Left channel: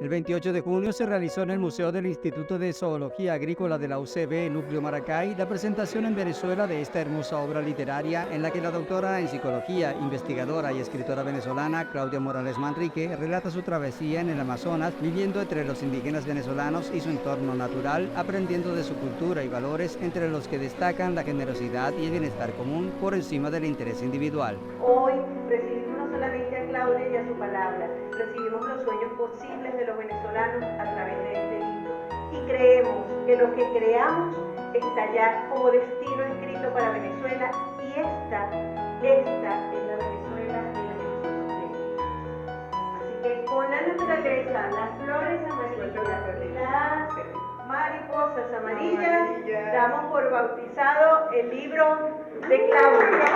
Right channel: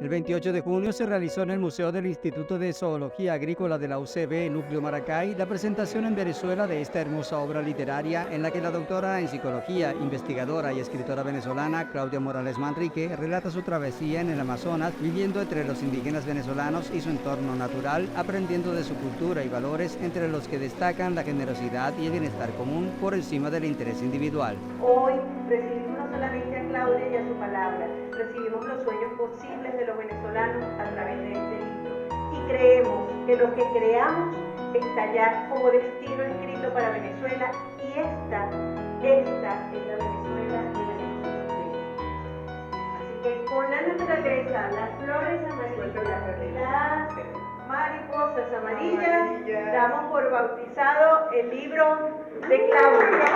El 28 de junio se realizó en el Museo del Instituto de Zoología Agrícola de la UCB, Núcleo Maracay, la presentación en Venezuela de esta hermosa obra literaria en la que la doctora en psicología, investigadora y escritora venezolana Claudia Morales Manrique relata su travesía en el Amazonas, viviendo entre los indígenas venezolanos y su entorno natural, aprendiendo de su cultura y valores, entre los que destacan la generosidad y el bienestar común por encima del interés individual. Hoy recibimos no solamente a Claudia y a su palabra, recibimos los sueños posibles de los venezolanos a través de este libro. Y creemos que lo que creamos está ya como destino escrito para Venezuela, y esta es la Venezuela de la Venezuela. Así que con la naturaleza, las flores amarillas, las mariposas amarillas, damos por bautizado el libro de Claudia.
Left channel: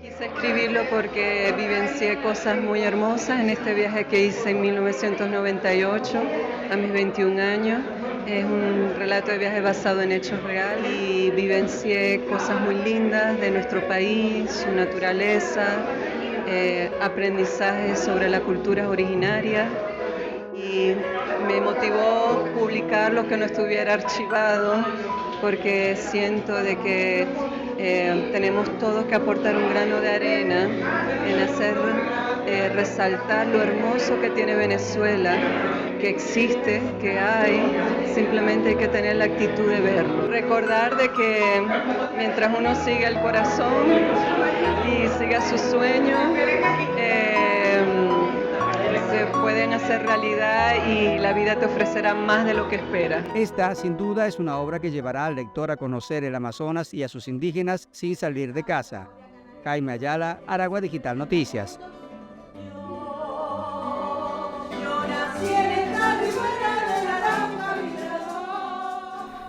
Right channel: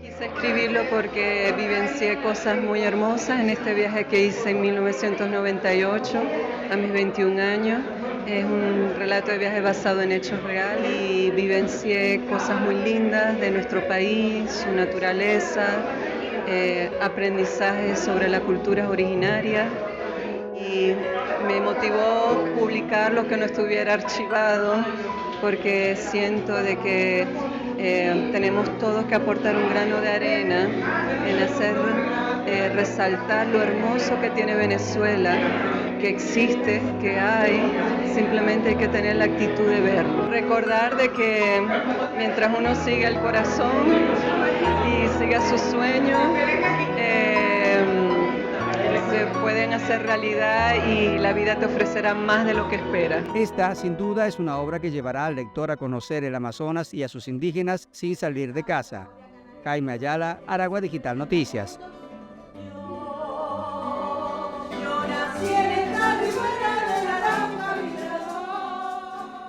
Quise escribirlo porque vivencié cosas muy hermosas en este viaje que hice en 1998, a mis 21 años. Es un relato de viaje basado en hechos reales y vivencié cosas muy lindas de nuestro país, su naturaleza, aprendizajes sobre la cultura originaria, y me motivó publicar lo que no estuviera archivado, porque siento de que tenemos todos que aportar un grano de arena en hacer resaltar lo hermoso que tiene Venezuela, que existe, que hay, simplemente hay que tener la actitud de verlo. Recordar de que mientras uno siga el corazón y siga sus sueños, se pueden hacer realidad y la vida te ofrecerá más de lo que esperas. Esta, sin duda, es una obra que llevará al lector a conocer el Amazonas y a sus indígenas sin salir de casa. Jaime Ayala, Aragua Digital Noticias.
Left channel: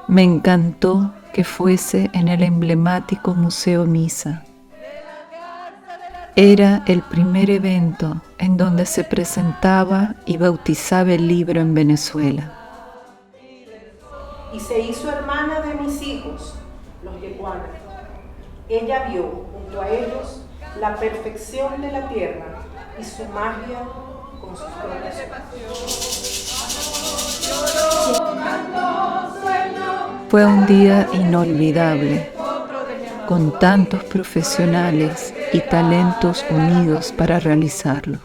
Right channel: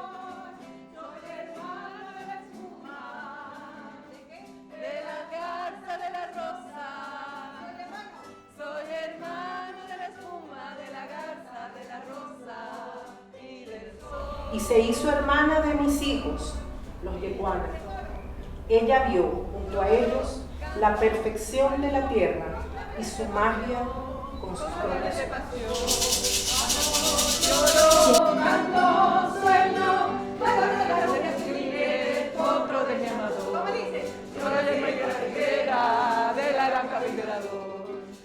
Me encantó que fuese en el emblemático Museo Misa. Era el primer evento en donde se presentaba y bautizaba el libro en Venezuela. Y se hizo hermana de mis hijos, los yeguanas. Ella vio junto a ellos la perfección de la tierra y su magia con sus propios ojos. Fue un día inolvidable, con tantos profesionales y talentos unidos para realizarlo.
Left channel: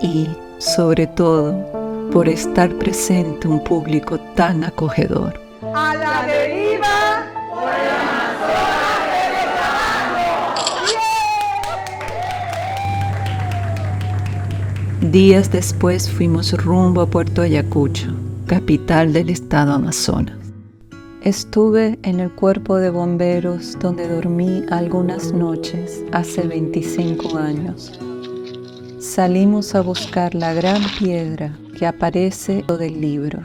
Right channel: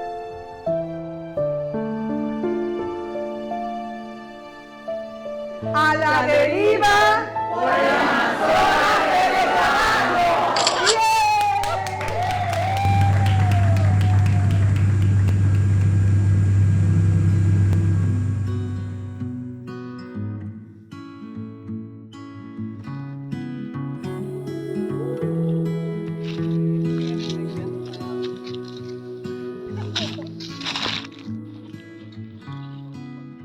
Y, sobre todo, por estar presente un público tan acogedor. ¡A la deriva! ¡Por el Amazonas venezolano! Días después fuimos rumbo a Puerto Ayacucho, capital del estado Amazonas. Estuve en el cuerpo de bomberos donde dormí algunas noches hace 25 años. Salimos a buscar la gran piedra que aparece del libro.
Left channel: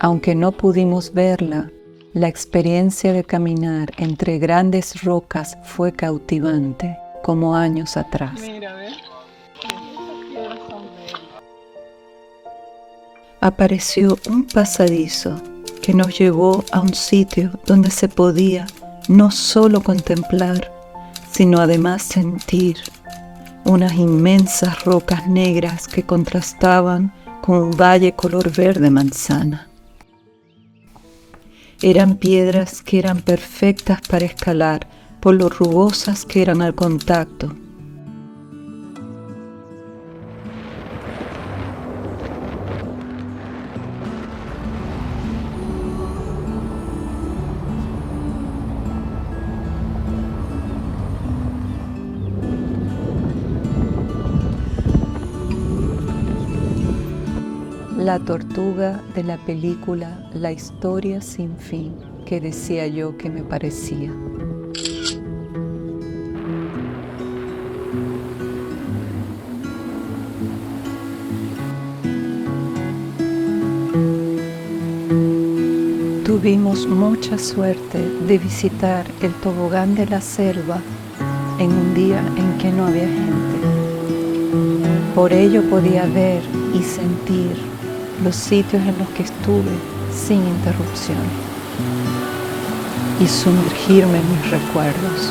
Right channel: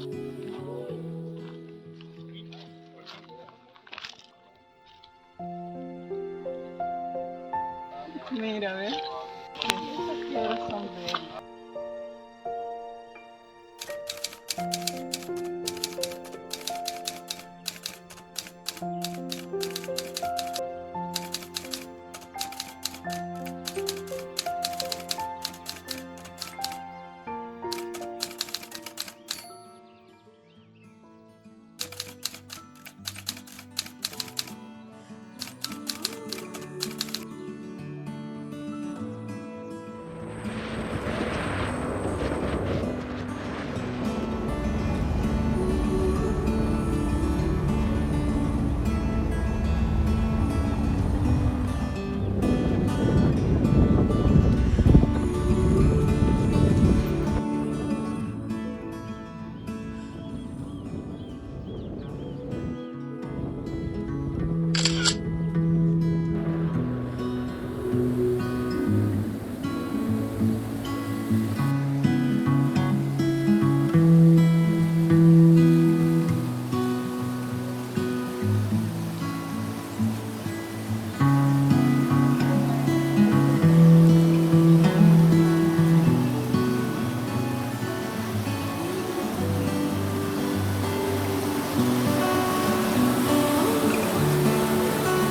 Aunque no pudimos verla, la experiencia de caminar entre grandes rocas fue cautivante, como años atrás. Mira, ¿ves? Esas piedras son bellas. Apareció un pasadizo que nos llevó a un sitio donde se podía no solo contemplar, sino además sentir unas inmensas rocas negras que contrastaban con un valle color verde manzana. Eran piedras que eran perfectas para escalar por lo rugosas que eran al contacto. La tortuga de la película La historia sin fin, que decía yo que me parecía. Tuvimos mucha suerte de visitar el tobogán de la selva en un día en que no había gente. Por ello podía ver y sentir los sitios en los que estuve sin interrupción y sumergirme en mis recuerdos.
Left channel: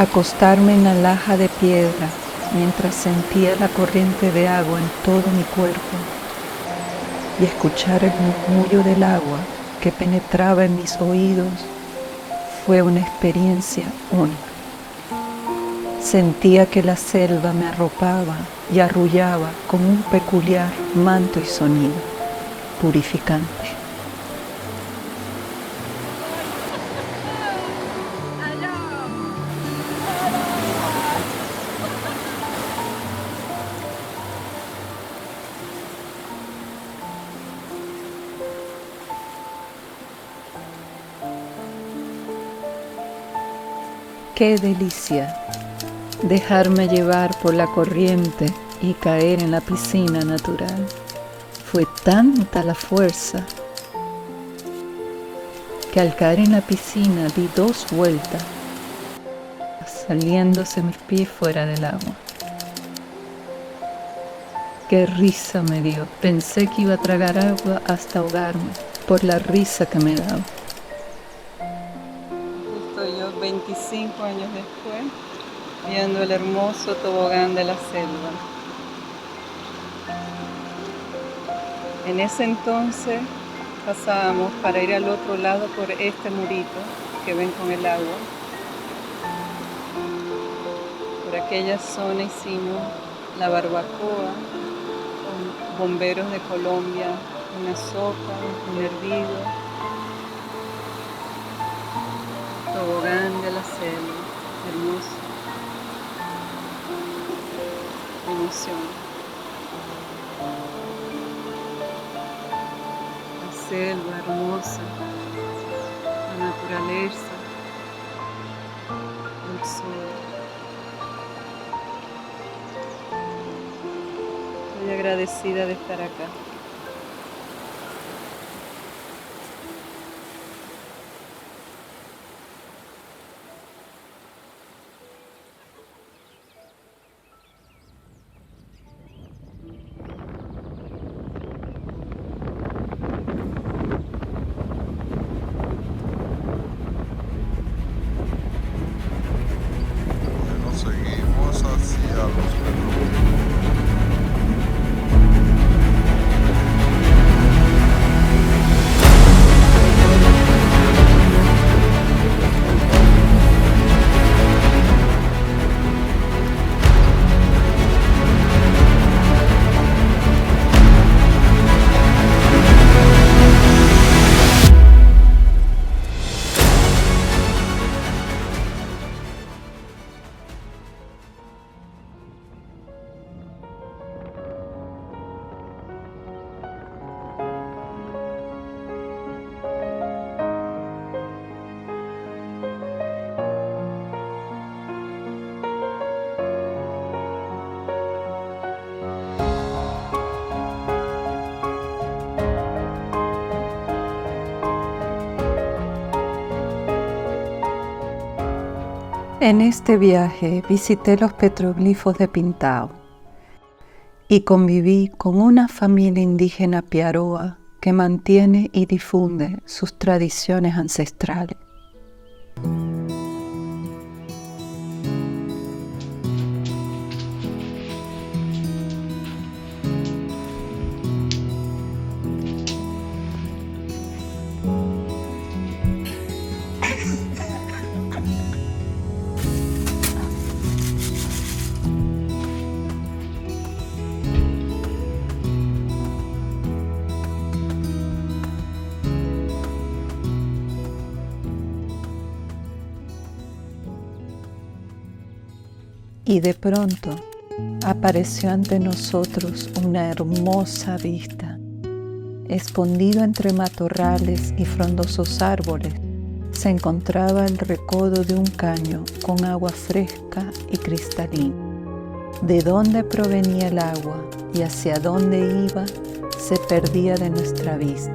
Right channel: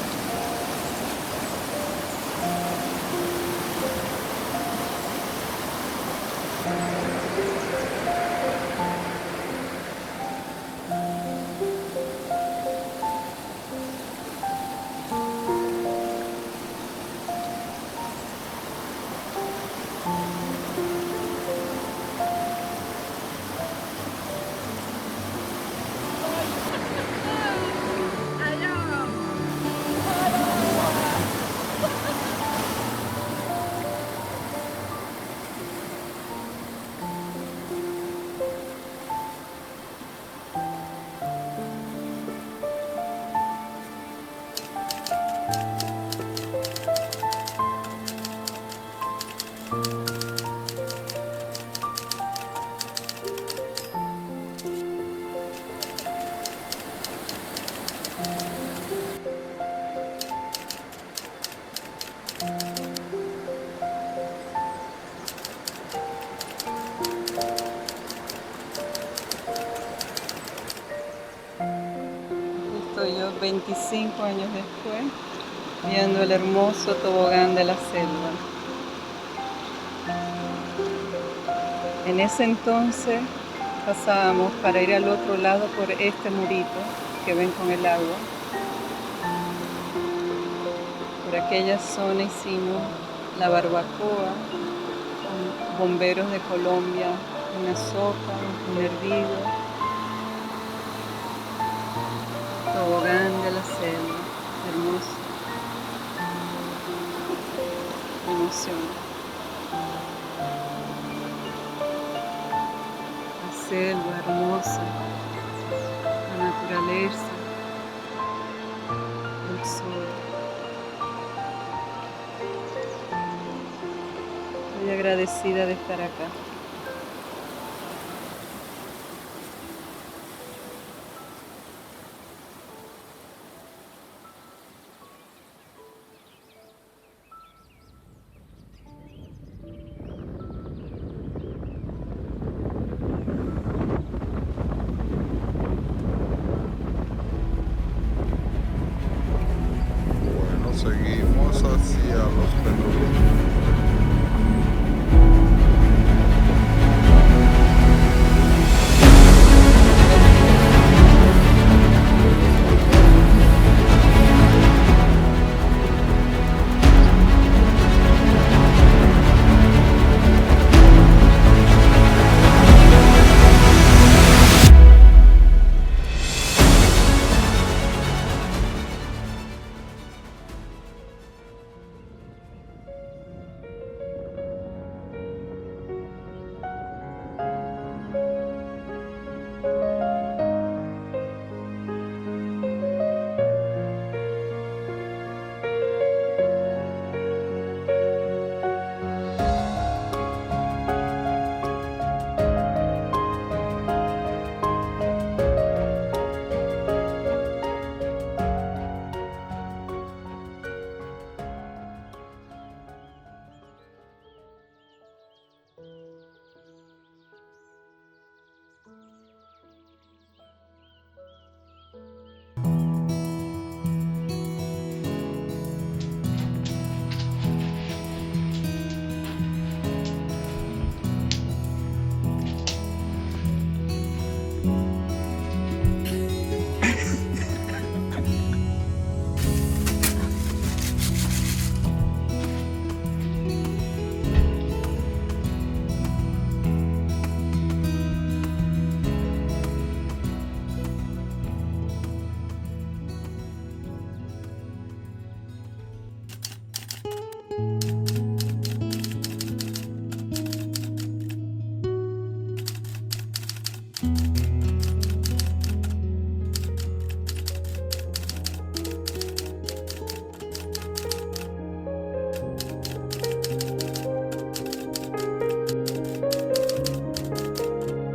Acostarme en la laja de piedra mientras sentía la corriente de agua en todo mi cuerpo y escuchar el murmullo del agua que penetraba en mis oídos fue una experiencia única. Sentía que la selva me arropaba y arrullaba con un peculiar manto y sonido purificante. ¡Qué delicia! Dejarme llevar por la corriente y caer en la piscina natural. Fue tanta la fuerza que al caer en la piscina di 2 vueltas, saliéndose mis pies fuera del agua. ¡Qué risa me dio! Pensé que iba a tragar agua hasta ahogarme por la risa que me daba. Estoy yo 25 años después viendo el hermoso tobogán de la selva. En ese entonces pasábamos para ir al otro lado por este murito que ven con el agua. Por aquella zona hicimos la barbacoa con bomberos de Colombia, una sopa, un hervido, tobogán de la selva, hermoso, emoción. La selva hermosa, la naturaleza, el sol. Estoy agradecida de estar acá. Seguimos hacia los petroglifos. En este viaje visité los petroglifos de Pintao y conviví con una familia indígena piaroa que mantiene y difunde sus tradiciones ancestrales. Y de pronto apareció ante nosotros una hermosa vista. Escondido entre matorrales y frondosos árboles, se encontraba el recodo de un caño con agua fresca y cristalina. De dónde provenía el agua y hacia dónde iba se perdía de nuestra vista,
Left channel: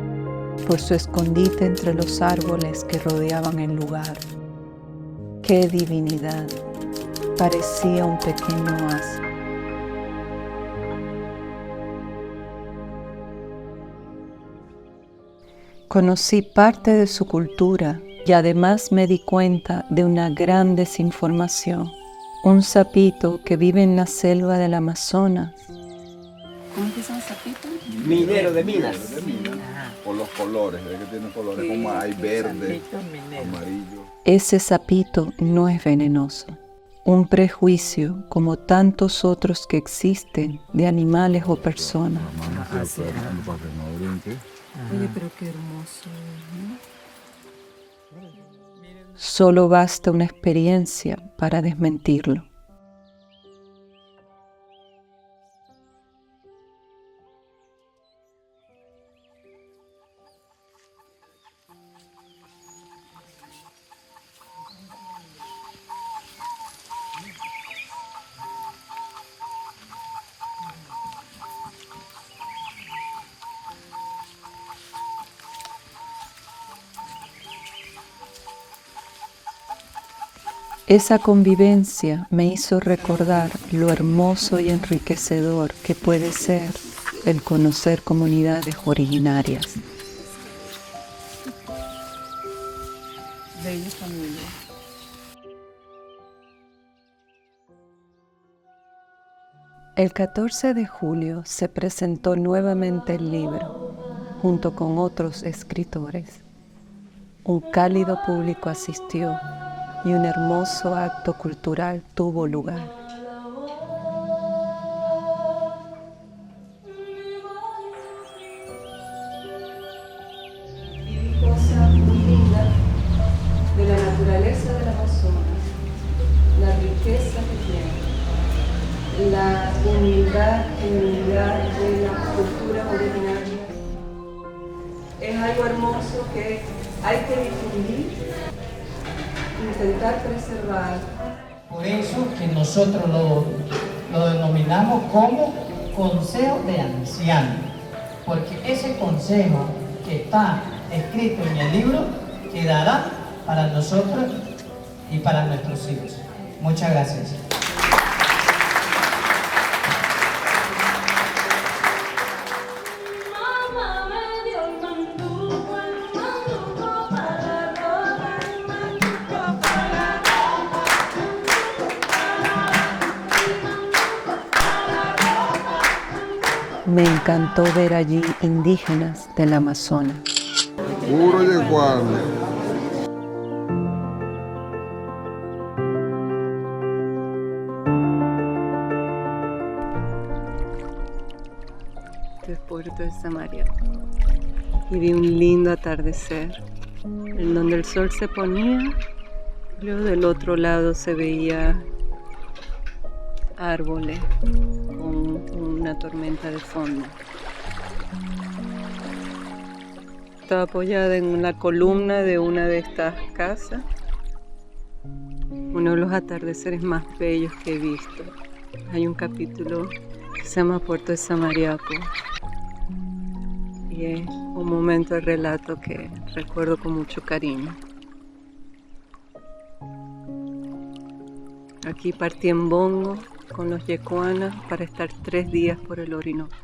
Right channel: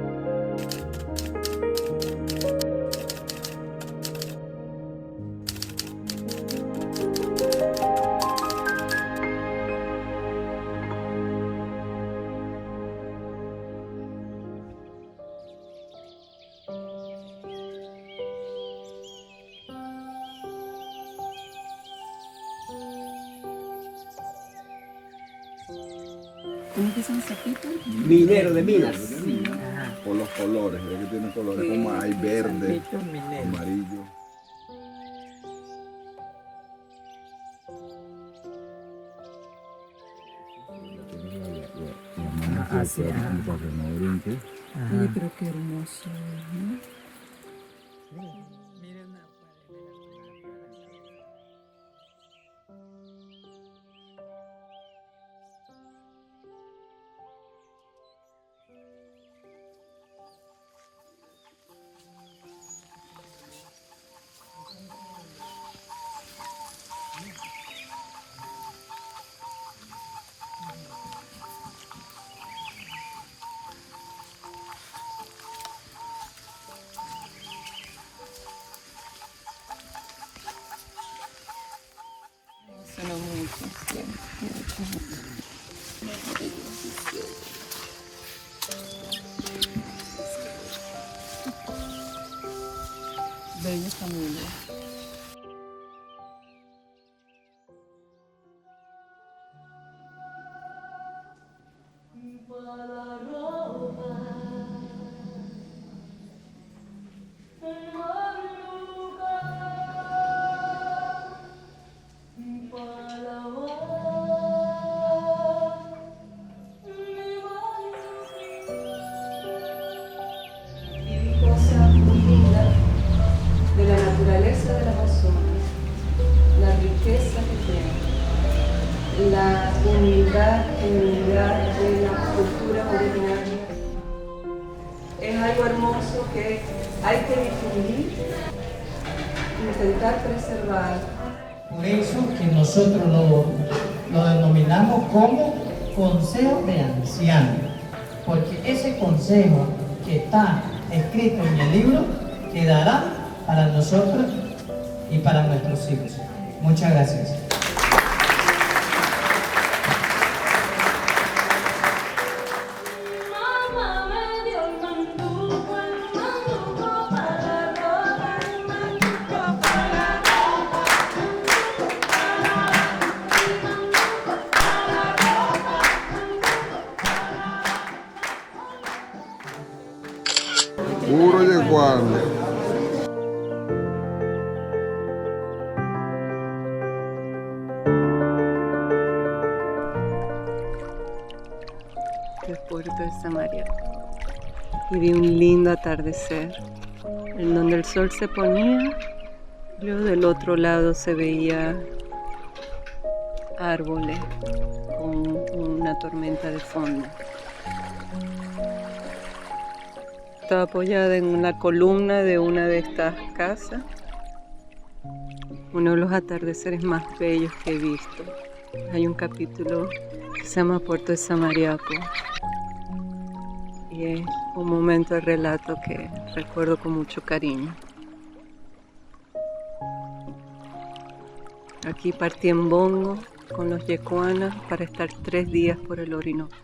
por su escondite entre los árboles que rodeaban el lugar. ¡Qué divinidad! Parecía un pequeño oasis. Conocí parte de su cultura y además me di cuenta de una gran desinformación. Un sapito que vive en la selva del Amazonas. ¿Cómo es que son sapitos? Minero de minas. Por los colores, es que tiene colores como hay verde, amarillo. Ese sapito no es venenoso. Un prejuicio, como tantos otros que existen, de animales o personas. Oye, pero qué hermoso, ¿no? Solo basta una experiencia para desmentirlo. Esa convivencia me hizo recordar lo hermoso y enriquecedor que puede ser el conocer comunidades originarias. Bella familia. El 14 de julio se presentó nuevamente el libro, junto con otros escritores. Un cálido público asistió y un hermoso acto cultural tuvo lugar. Viví cosas muy lindas de la naturaleza del Amazonas, la riqueza que tiene, la humildad y unidad de las culturas originarias. Es algo hermoso que hay que difundir, intentar preservar. Por eso que nosotros lo denominamos como Consejo de Ancianos, porque ese consejo que está escrito en el libro quedará para nosotros y para nuestros hijos. Muchas gracias. Me encantó ver allí indígenas del Amazonas. Puro yeguana. De Puerto de Samaria. Y vi un lindo atardecer, en donde el sol se ponía, y luego del otro lado se veía árboles con una tormenta de fondo. Estaba apoyada en una columna de una de estas casas, uno de los atardeceres más bellos que he visto. Hay un capítulo que se llama Puerto de Samariapo y es un momento de relato que recuerdo con mucho cariño. Aquí partí en bongo con los yecuanas para estar 3 días por el Orinoco.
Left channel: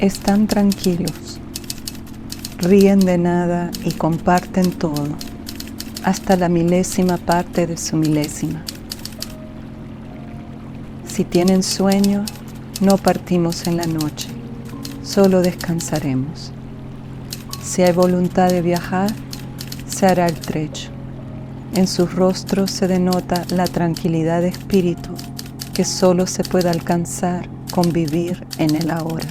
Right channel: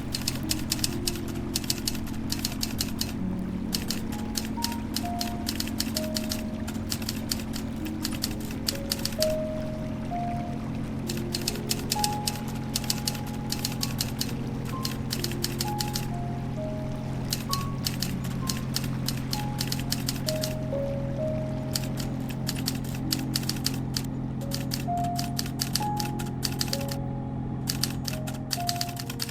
Están tranquilos, ríen de nada y comparten todo, hasta la milésima parte de su milésima. Si tienen sueño, no partimos en la noche, solo descansaremos. Si hay voluntad de viajar, se hará el trecho. En sus rostros se denota la tranquilidad de espíritu que solo se puede alcanzar con vivir en el ahora.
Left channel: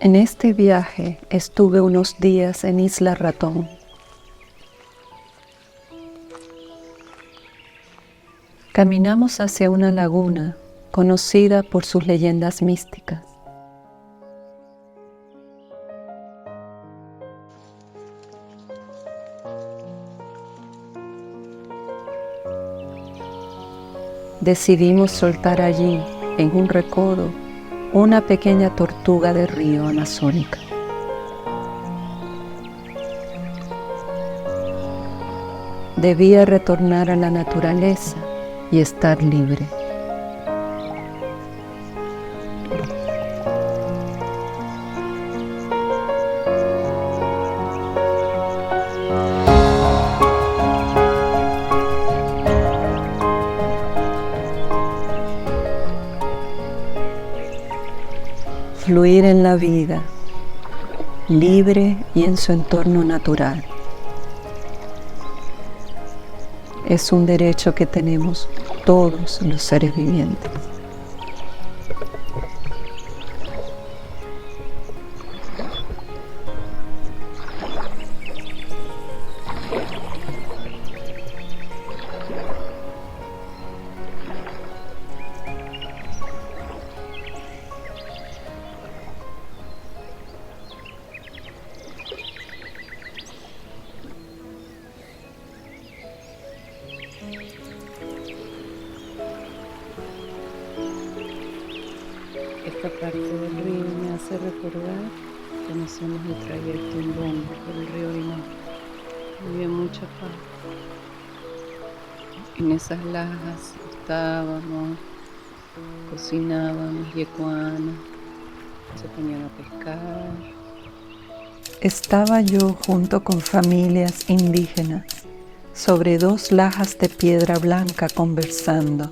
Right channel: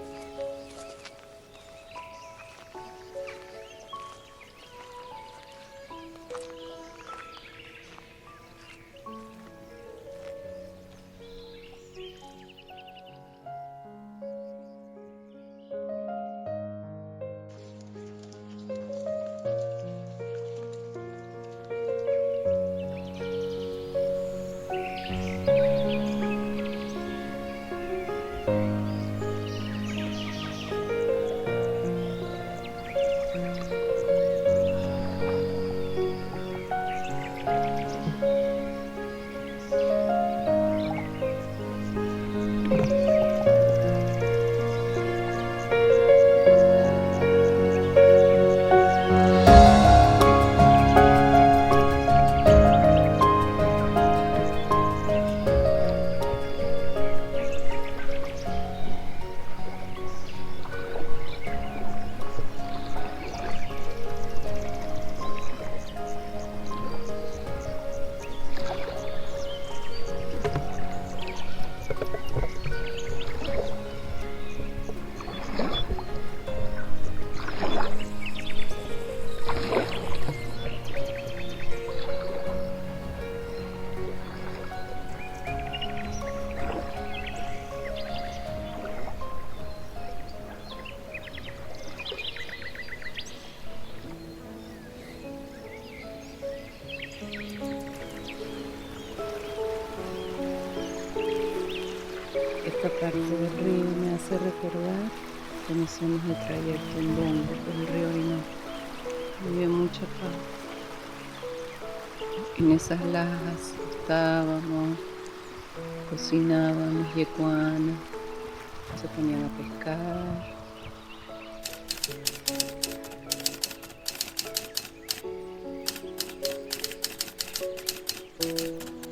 En este viaje estuve unos días en Isla Ratón. Caminamos hacia una laguna conocida por sus leyendas místicas. Decidimos soltar allí, en un recodo, una pequeña tortuga del río Amazónica. Debía retornar a la naturaleza y estar libre. Fluir en la vida, libre y en su entorno natural. Es un derecho que tenemos todos los seres vivientes. Esta parte del río me hace recordar cuando hacemos el trayecto en bongo por el río Orinoco. Había mucha paz. En esas lajas estábamos, cocinábamos yecuana, se ponían a pescar. Estaba yo junto con familias indígenas sobre 2 lajas de piedra blanca conversando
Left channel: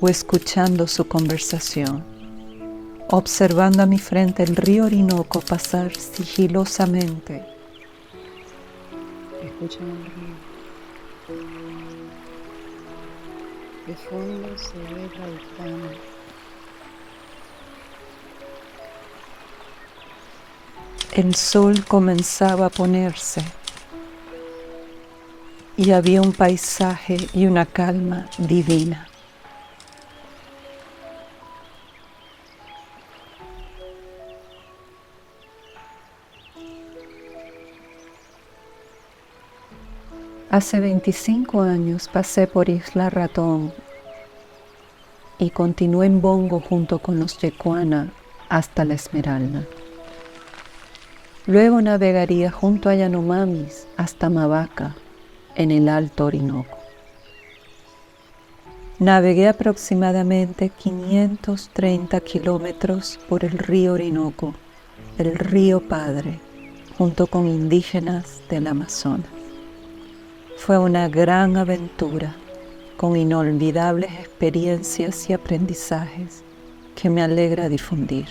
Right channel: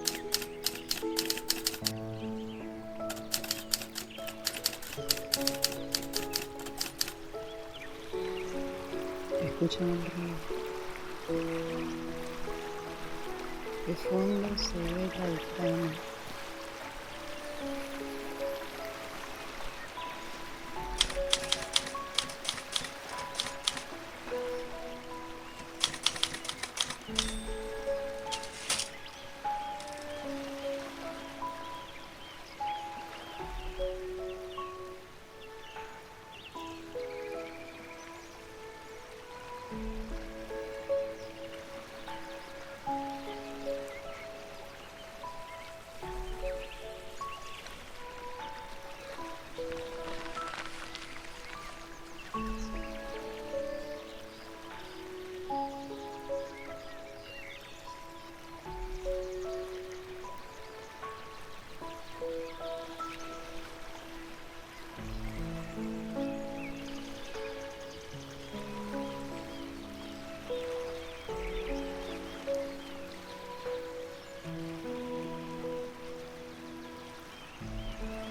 o escuchando su conversación, observando a mi frente el río Orinoco pasar sigilosamente. Escuchan el río. De fondo se ve la ventana. El sol comenzaba a ponerse y había un paisaje y una calma divina. Hace 25 años pasé por Isla Ratón y continué en bongo junto con los yecuana hasta La Esmeralda. Luego navegaría junto a Yanomamis hasta Mavaca, en el Alto Orinoco. Navegué aproximadamente 530 kilómetros por el río Orinoco, el río Padre, junto con indígenas del Amazonas. Fue una gran aventura, con inolvidables experiencias y aprendizajes que me alegra difundir.